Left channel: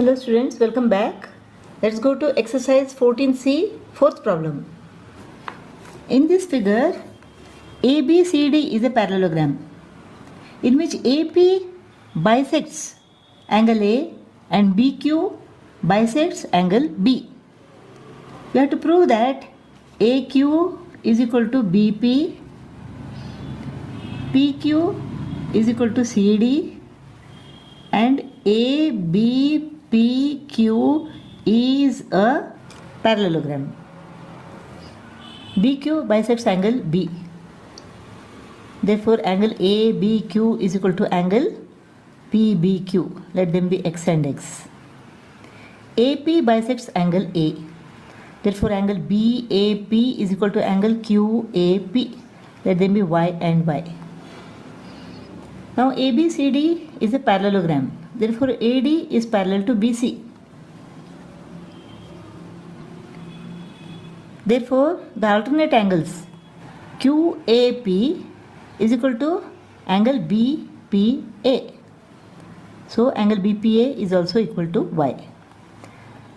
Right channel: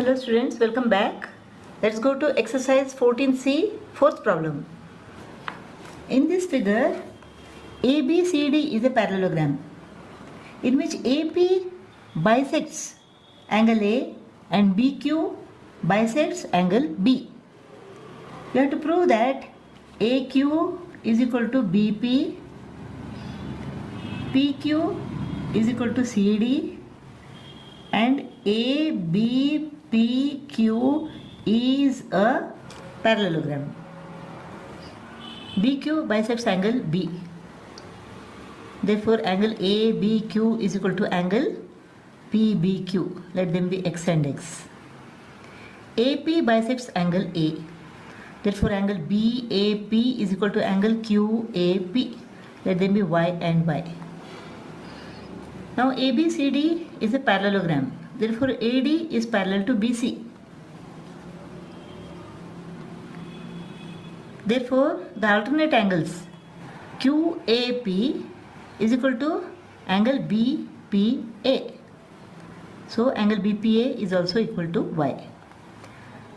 Hello students, welcome back. Let's go to exercise 14C, fourth problem. In this figure, ABCD is a parallelogram in which AP bisects angle A and BQ bisects angle B. You have to prove that AQ is equal to BP, PQ is equal to CD and ABPQ is a parallelogram. BQ bisects angle B. Therefore, angle ABQ is equal to angle PBQ. Let them be X and X. AP bisects angle A. Therefore, angle BAP is equal to angle QAP. Let them be Y and Y. Now ABCD is a parallelogram. Therefore AD is parallel to BC. Therefore the alternate angles QAP is equal to angle BPA. So angle BPA is also equal to Y.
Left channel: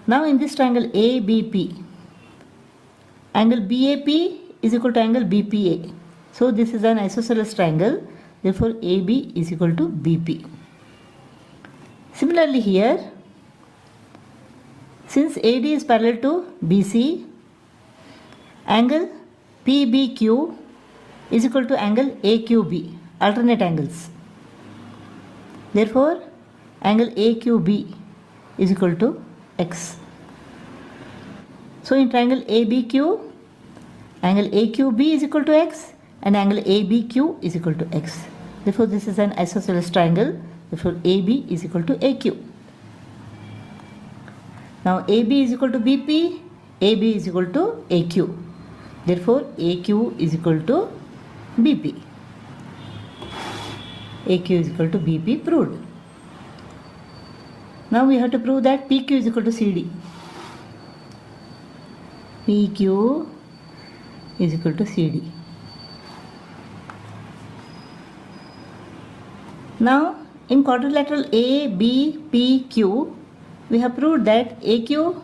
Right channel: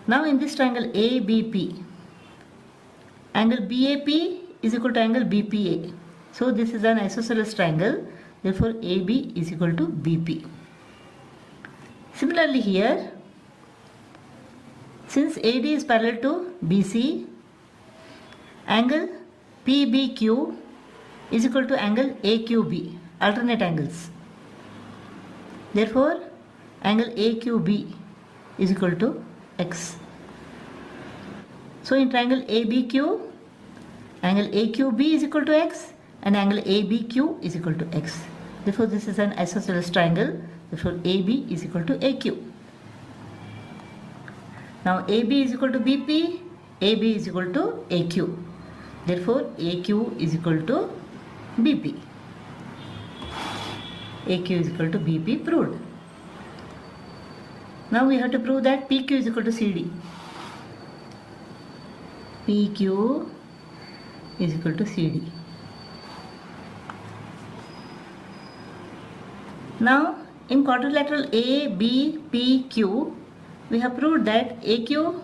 Now in this triangle ABP, angle BAP is equal to angle BPA. So this is an isosceles triangle. Therefore, AB is equal to BP. Similarly here, since AD is parallel to BC, angle PBQ is equal to angle AQB, alternate angles. Therefore, angle AQB is equal to X. So, in triangle ABQ, angle AQB is equal to X and angle ABQ is equal to X. Therefore, this is an isosceles triangle. Therefore, AB is equal to AQ. Now, AB is equal to BP, AB is equal to AQ. Therefore, AQ is equal to BP. AQ is equal to BP proved. Now, we have to prove that PQ is equal to CD. PQ is equal to CD. Now, in quadrilateral ABPQ, we have proved that AQ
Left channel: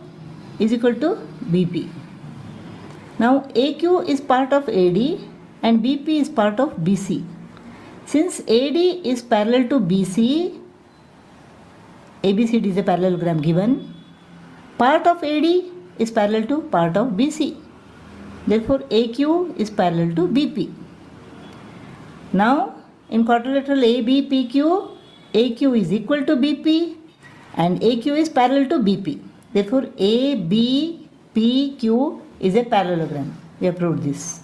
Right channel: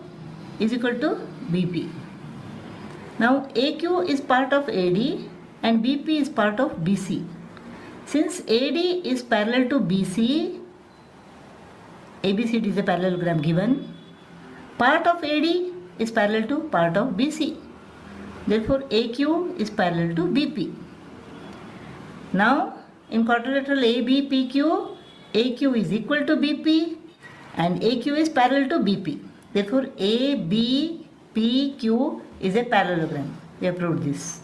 is equal to BP. Now, AQ is part of AD and BP is part of BC. Since AD is parallel to BC, ABCD is a parallelogram given. Part of AD is parallel to part of BC. Therefore, AQ is parallel to BP. Now, in quadrilateral ABPQ, AQ is equal to BP and AQ is parallel to BP. Therefore, ABPQ is a parallelogram. We have proved this.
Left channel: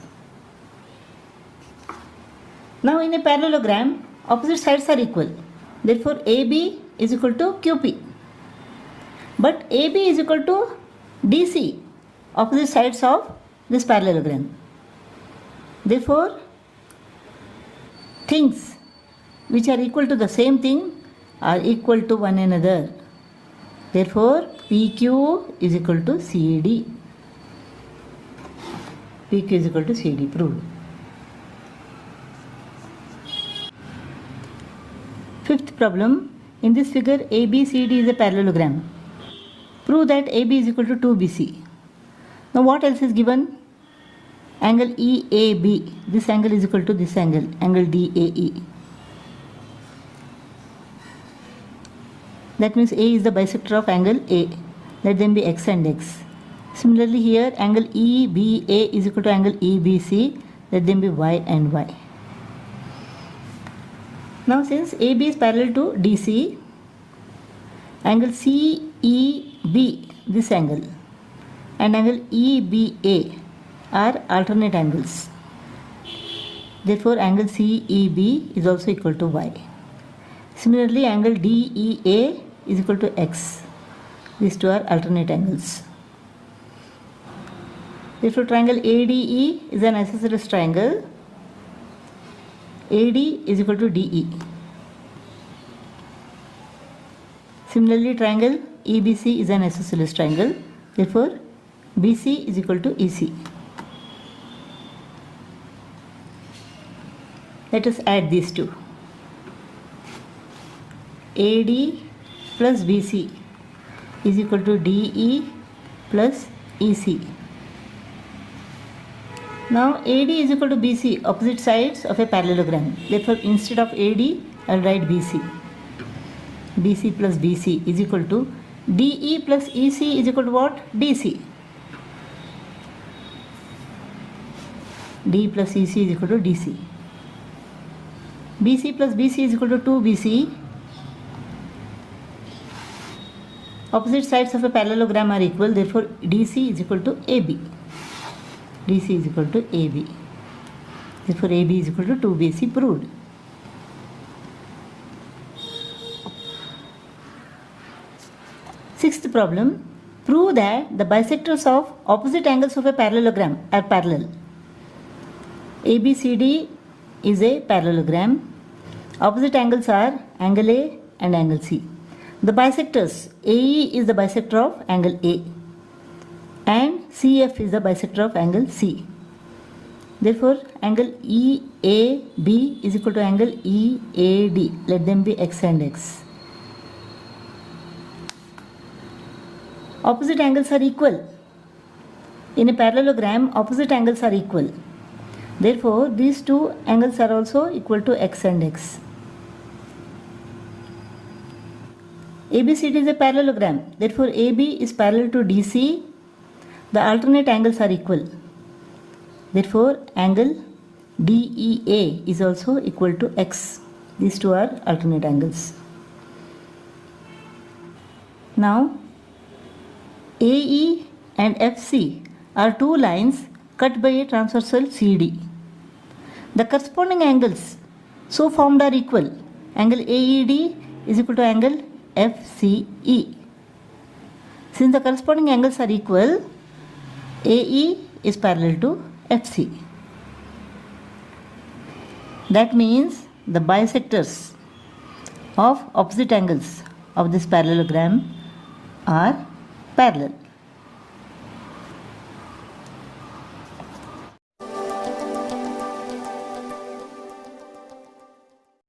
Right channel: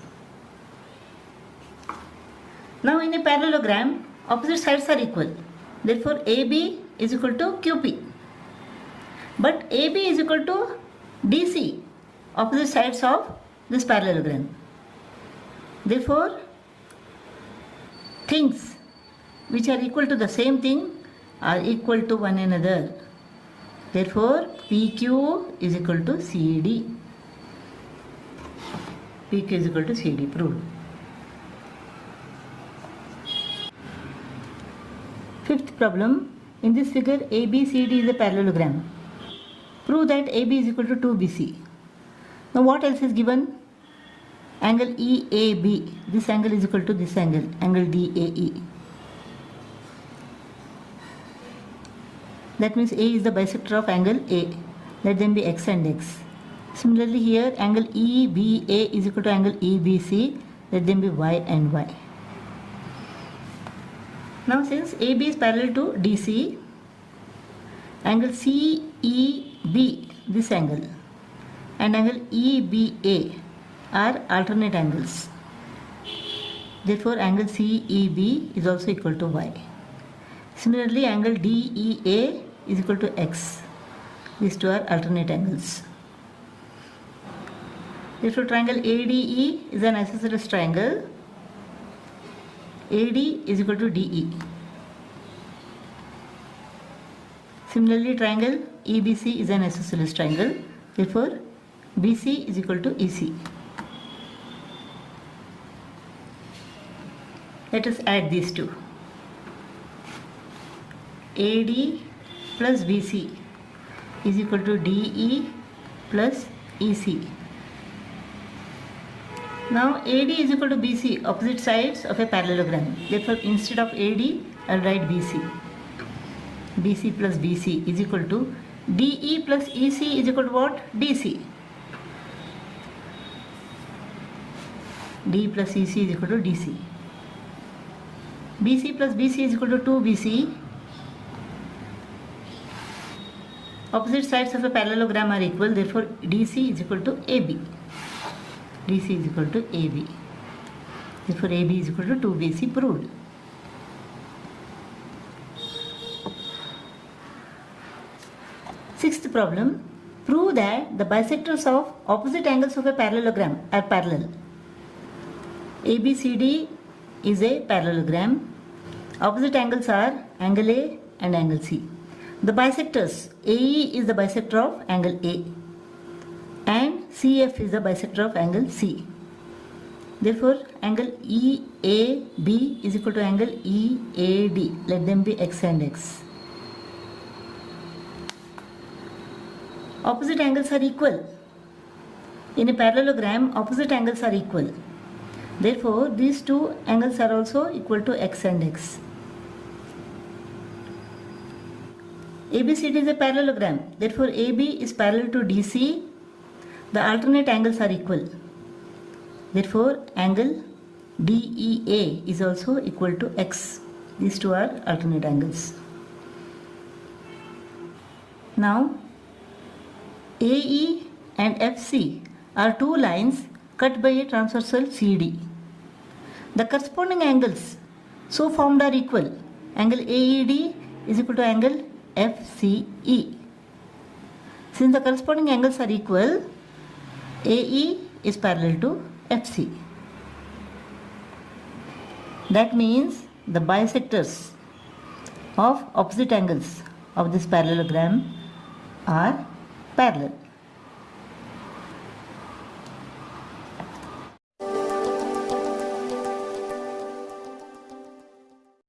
Now, in a parallelogram, opposite sides are equal. Therefore, AB is equal to QP. But AB is equal to DC, opposite sides of this parallelogram. Therefore, things which are equal to the same thing are equal to one another. Therefore, PQ is equal to CD. PQ is equal to CD, proved. Fifth problem. In this figure, ABCD is a parallelogram. Prove that AB is equal to 2BC. Now, what else is given? Angle EAB. This angle is equal to this angle, angle DAE. That means A is the bisector of angle A. Let them be X and X. Similarly here, angle EBA is equal to angle EBC. Let them be Y and Y. Now since AB is parallel to DC, angle CEB, this angle, and angle EBA are alternate angles. Therefore, angle CEB is also equal to Y. Similarly, angle DEA is equal to X. These two are alternate angles. Therefore, triangle ADE is an isosceles triangle. AD is equal to DE. Similarly, triangle EBC is an isosceles triangle. Therefore, BC is equal to EC. Let us add these two. AD plus BC. is equal to DE plus EC. Now AD is equal to BC, opposite sides of a parallelogram. Therefore, instead of AD, I'll write BC. BC plus BC is equal to DE plus EC is equal to what? DC. D plus EC is equal to DC. BC plus BC is equal to 2BC. Opposite sides of a parallelogram are equal, therefore DC is equal to AB. DC is equal to AB. Therefore AD is equal to 2BC proved. Sixth problem. Prove that the bisectors of opposite angles of a parallelogram are parallel. ABCD is a parallelogram. Opposite angles are angle A and angle C. The bisectors, AE is the bisector of angle A and CF is the bisector of angle C. Therefore, angle EAB is equal to angle EAD. Let them be X and X. Opposite angles are equal. In a parallelogram, opposite angles are equal. Therefore, these two angles are also equal to X and X. ABCD is a parallelogram. Therefore, AB is parallel to DC. The alternate angles are equal. Therefore, angle DEA is also equal to X. These two are alternate angles. Now, AE and FC are two lines cut by a transversal CD. The corresponding angles so formed are equal. Angle AED is equal to angle FCE. Since the corresponding angles are equal, AE is parallel to FC. That means the bisectors of opposite angles of this parallelogram are parallel.